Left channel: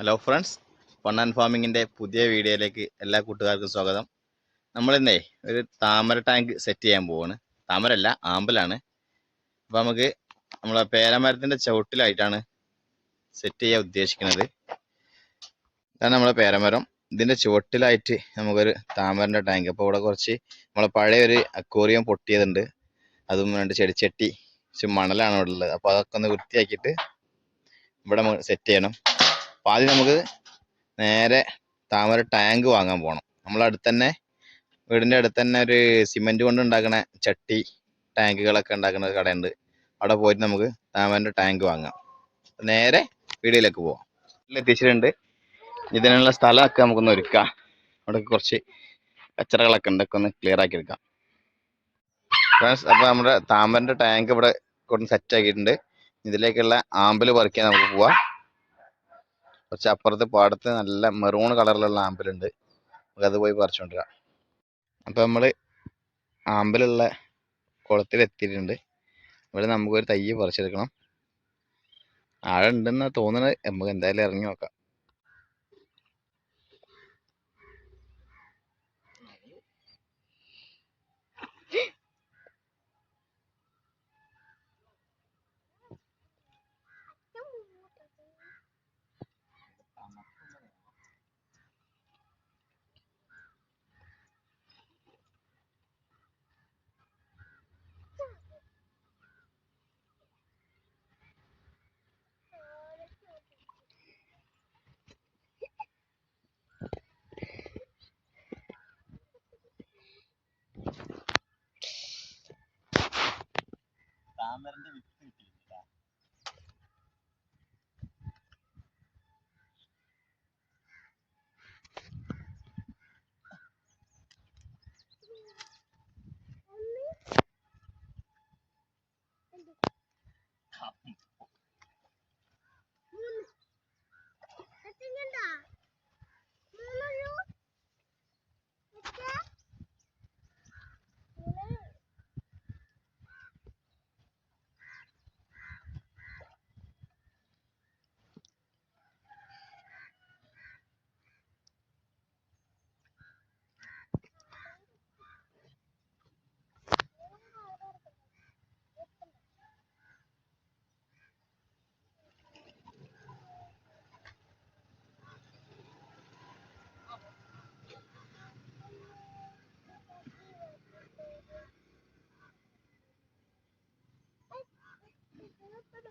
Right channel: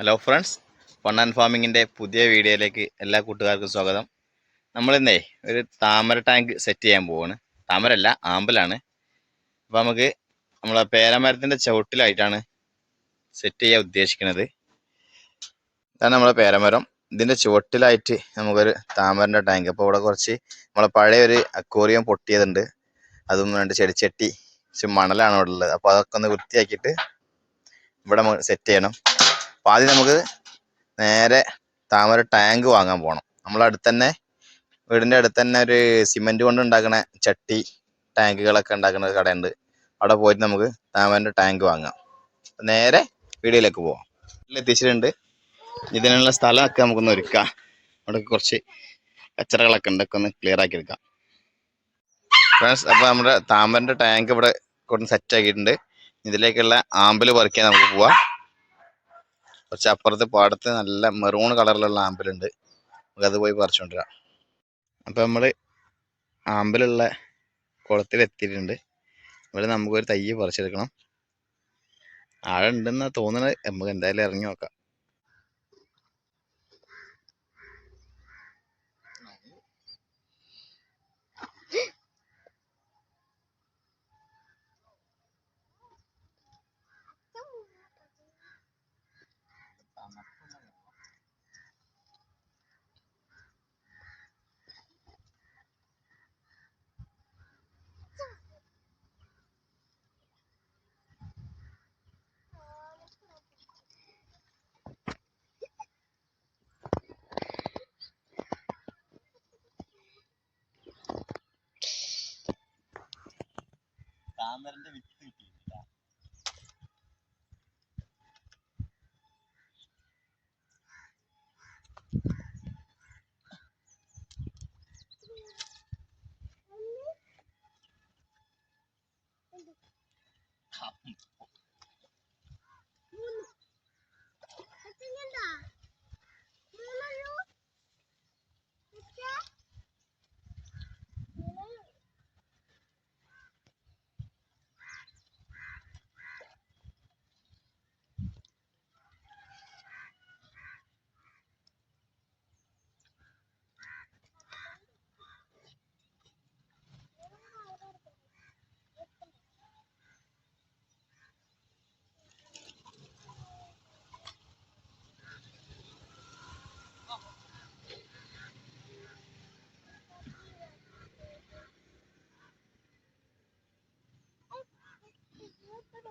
Hello friends fun and ഫാമിങ്ങിന്റെ പുതിയ വീഡിയോയിലേക്ക് എല്ലാ കൂട്ടുകാർക്കും സ്വാഗതം. നമ്മളിന്നേ ഒരു താമര ടാങ്ക് സെറ്റ് ചെയ്യാൻ പോവാണ്. താമരല്ല ആമ്പലാണ്. അപ്പോൾ നമുക്ക് നമ്മളെ പേരമരത്തിന്റെ ചുവട്ടിലായിട്ടാണ് സെറ്റ് ചെയ്യാൻ ഉദ്ദേശിക്കുന്നത്. ഇതാണ് നമ്മളെ പേരമരം. ഇതിന്റെ ചുവട്ടിലായിട്ട് നമുക്കൊരു താമരന്റെ ടാങ്ക് അപ്പോൾ ഇവിടെ കുറച്ച് നമ്മളെ പഴയ ഒരു അക്വോറിയം പൊട്ടിയതുണ്ട്. അതും രണ്ട് ചെടിച്ചട്ടി മണലാണ് ഇവിടെ ഉള്ളത്. അപ്പോൾ അതൊക്കെ ഒന്ന് വൃത്തിയാക്കിയിട്ട് ഇവിടെ സെറ്റ് ചെയ്യണം. അപ്പോൾ ആദ്യം നമുക്ക് നേരെ താമര ടാങ്ക് വാങ്ങാൻ പോകണം നമ്മൾ അടുത്ത് തന്നെ വീടിന്റെ അടുത്ത് തന്നെ ഒരു സിമെന്റ് കൊണ്ട് ഉണ്ടാക്കുന്ന ചട്ടി ടാങ്കുകളൊക്കെ ഉണ്ടാക്കുന്ന ഒരു കടയുണ്ട്. അവിടെ പോയിട്ട് നമുക്ക് താമരന്റെ ടാങ്ക് വാങ്ങാം. നേരെ വീടിലേക്ക് പോവാം. എത്തിച്ചിട്ടുണ്ട്. ഇതിനുള്ള സ്ഥലമൊക്കെ നമുക്കൊന്ന് ഒരുക്കാം. അവിടെ കുറച്ച് കച്ചറകളൊക്കെ ഉണ്ട്. ഒക്കെ ഒന്ന് ക്ലിയർ ആക്കി എടുക്കാം. ഫ്രണ്ട്സ് അപ്പോൾ നമ്മുടെ താമരന്റെ ടാങ്ക് ഇവിടെ കൊണ്ട് സെറ്റ് ആക്കിയിട്ടുണ്ട്. ഇതിലേക്കുള്ള ആമ്പൽ പറിക്കാൻ നമുക്ക് പോവാം. കുറച്ച് അപ്പുറത്ത് പാടത്ത് നല്ല മെറൂൺ കളറിലുള്ള ആമ്പലുണ്ട് നമുക്കത് പോയി പറിച്ചുകൊണ്ടിരാം അപ്പോൾ നമ്മൾ ആമ്പലുള്ള കുളത്തിൽ എത്തിയിട്ടുണ്ട് ഇവിടെ നമുക്കൊരു തയ്യ് പറിച്ചെടുക്കണം. ആഴം ഉണ്ടെന്നാ തോന്നുന്നത് നമുക്ക് എന്തായാലും ഇറങ്ങി നോക്കാം. மருந்து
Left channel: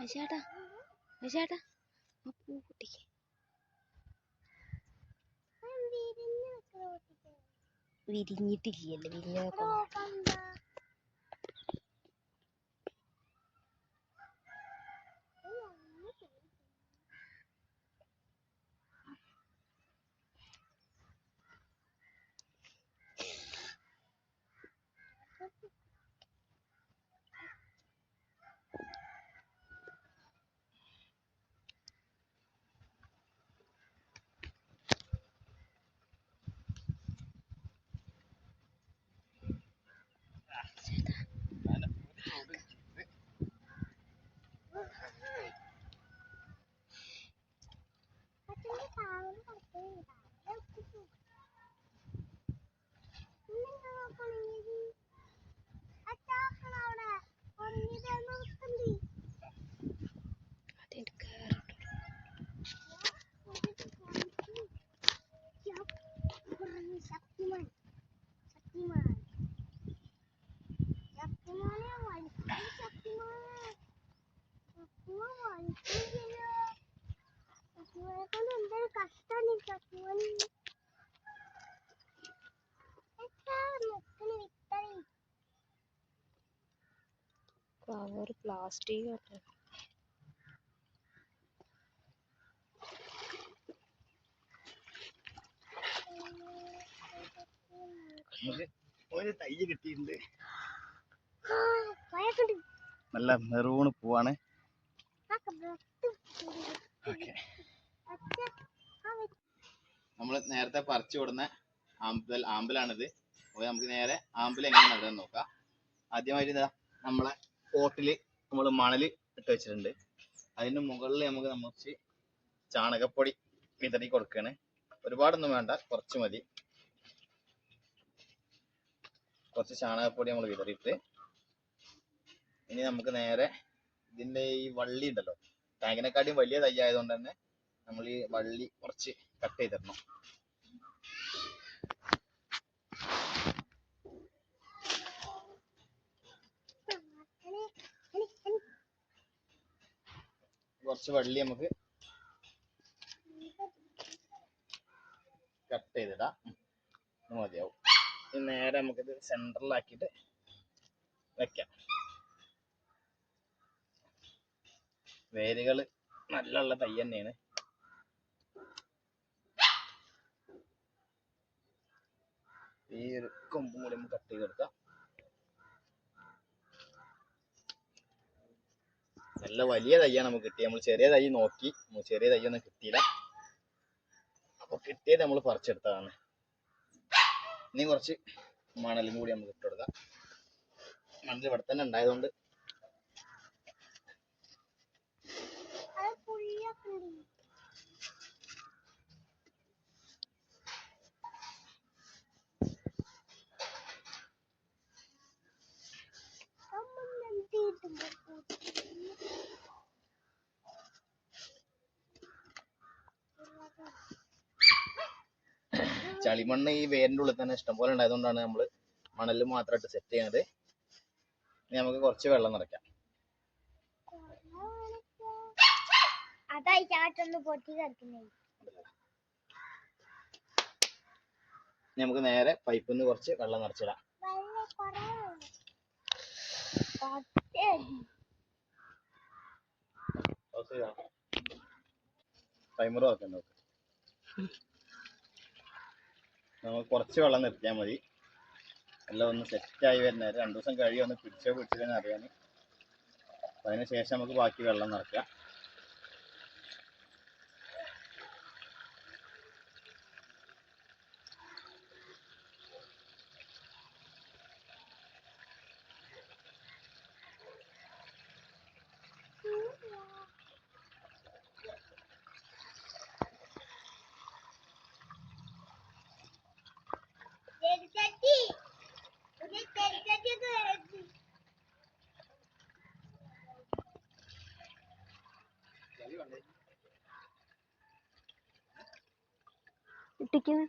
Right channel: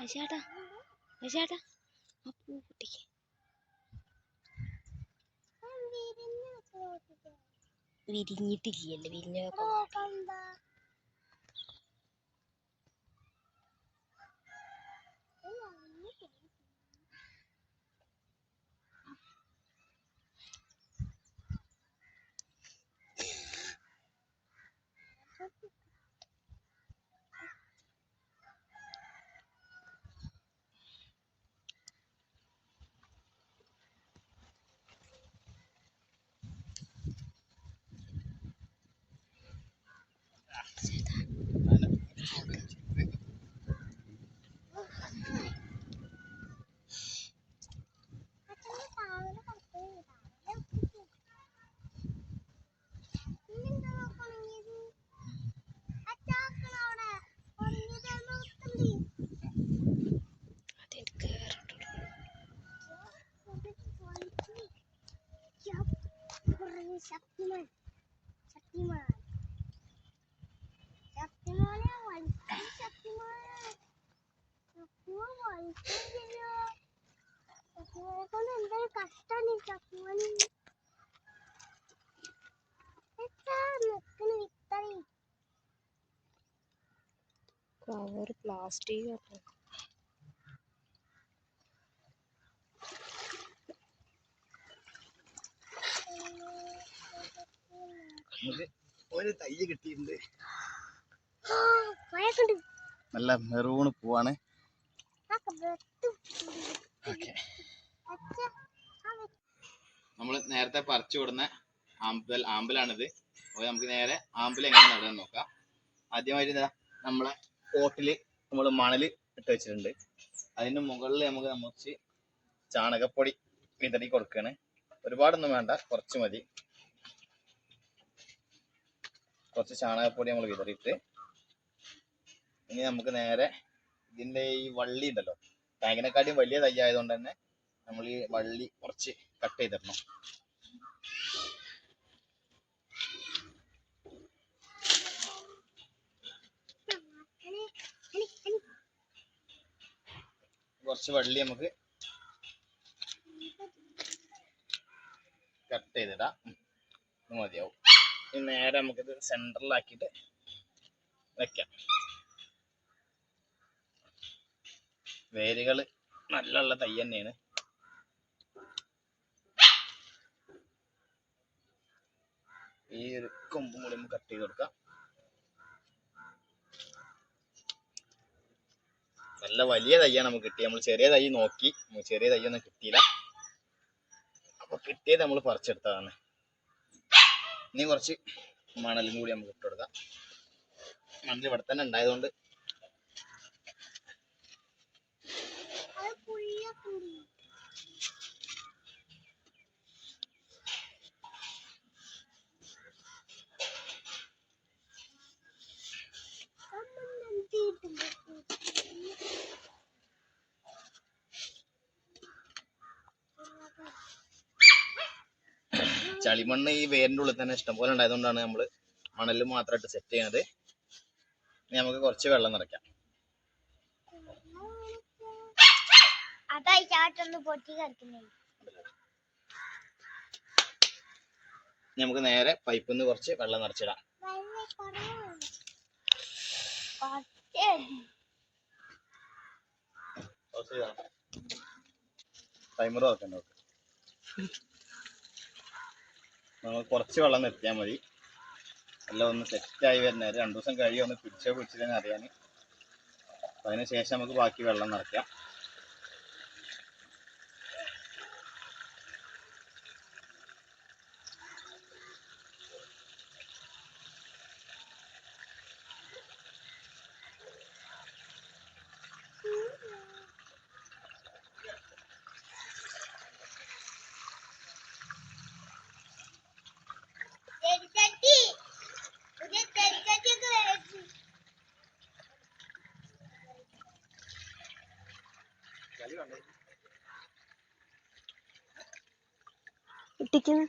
ചേട്ടാ ചേട്ടാ ആ പൂ പൊട്ടിക്ക്. വിരിഞ്ഞിട്ടില്ലല്ലോ വിരിഞ്ഞതൊക്കെ വാടി ശക്തിമാൻ. ശക്തിമാൻ. ശക്തിമാനെ വലിക്കാൻ ശക്തിമാൻ വലിക്കില്ലല്ലോ ശക്തിമാനെ കൊണ്ട് എന്തൊരു കഷ്ടാണ് ഈ ശക്തിമാൻ കവർ പ്ലാസ്റ്റിക് നമുക്ക് ഒരു തൈ കിട്ടിയിട്ടുണ്ട്. കൊറേക്കുണ്ട് നല്ല മെറൂണ് പൂവാണ്. ഓക്കെ. നമ്മൾ നേരത്തെ പറിച്ചു വിടുന്ന ആമ്പൽ ആമ്പലാണിത്. അപ്പോൾ നമുക്ക് നേരെ ആമ്പൽ എങ്ങനെ നടന്ന് നോക്കാം. ആദ്യമായിട്ട് ഇതാ നമ്മളെ പോട്ടിൽ നമ്മൾ മണൽ ഇട്ട് വെച്ചിട്ടുണ്ട്. അതിന് മുകളിൽ നമുക്ക് നമുക്ക് ചാണകപ്പൊടി വിതറി കൊടുക്കുകയാണ് ഒരുപാടൊന്നും വേണ്ട കുറച്ച് മതി. കുറച്ച് ചാണകപ്പൊടി നമ്മൾ വിതറിയിട്ട് ഇനി നമുക്ക് നേരെ ഇതിന്റെ ഈ വള്ളി ഉണ്ടല്ലോ. ടാങ്കിനെക്കാട്ടിയും വലിയ തൈ ആയതുകൊണ്ട് തന്നെ നമ്മൾ ഈ വള്ളി കുറച്ച് കട്ട് ചെയ്തിടണം കുറച്ച് വള്ളി നമുക്ക് കട്ട് ചെയ്തിടാം മതിയാവും. നേരെ നമുക്കിത് സെന്ററിലാക്കിയിട്ട് വെക്കാം. വേരുകൾ നല്ല ഉള്ള തൈ തന്നെയാണ്. ഈ ഒരു കൊമ്പും കൂടി നമുക്ക് കട്ട് ചെയ്ത് കൊടുക്കാം. നല്ല വലിയ തയ്യാണ് നമുക്ക് കിട്ടിയത്. നമ്മൾ ചെറിയ തൈ നോക്കി. ചെറിയ തൈ ഒന്നും കിട്ടിയില്ല. അപ്പൊ കിട്ടിയത് നമ്മൾ പറിച്ചെടുത്തതാണ്. ഇനി കുറച്ച് മണലും കൂടി നമുക്ക് ഇട്ട് കൊടുക്കാം. മണൽ ഇവിടെ തന്നെ ഉണ്ടായതുകൊണ്ട് അത് പുളിയൊക്കെ ഉണ്ട് അമ്മ നന്ദിയിട്ടുണ്ട് ചളിമണ്ണ് ഈ വേരിന്റെ ഉള്ളിൽ തന്നെ ഇഷ്ടം ഇഷ്ടംപോലെ ഉണ്ടായതുകൊണ്ടാണ് നമ്മൾ മണൽ മാത്രമായിട്ട് സെറ്റ് ചെയ്യുന്നത് ഇനി നമുക്ക് കുറച്ച് വെള്ളം നിറയ്ക്കാം. അതായി ചാട്ടൊന്ന് പൊട്ടി കിടക്കുന്നേ. ഇനി നമുക്ക് നേരെ പൈപ്പിൽ നിന്ന് കുറച്ച് വെള്ളം നിറച്ചിടാം. ടൈമർ നോക്കണ്ട നമുക്ക് കുറച്ച് വെള്ളം നിർത്തിയാൽ മതി. എല്ലാം ഒന്ന് സെറ്റായി വരുന്നേരം രണ്ടു ദിവസം കഴിയും ഒന്ന് പിടിച്ചോ പിടിച്ചില്ലെന്ന് അറിയാൻ അതിന് ശേഷം നമുക്ക് ബാക്കി വെള്ളം നിറയ്ക്കാം ചെടിച്ചട്ടി പുതിയ ചെടിച്ചട്ടിയൊക്കെ വരുന്നു ഇട്ടിക്കുന്നു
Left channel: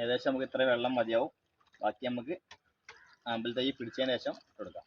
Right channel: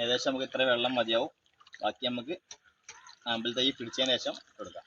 ഏകദേശം നമുക്ക് ഇത്ര വെള്ളം മതിയാവും. ബാക്കി നമുക്ക് ആമ്പിൾ തൈ പിടിച്ചതിന് ശേഷം കൊടുക്കാം.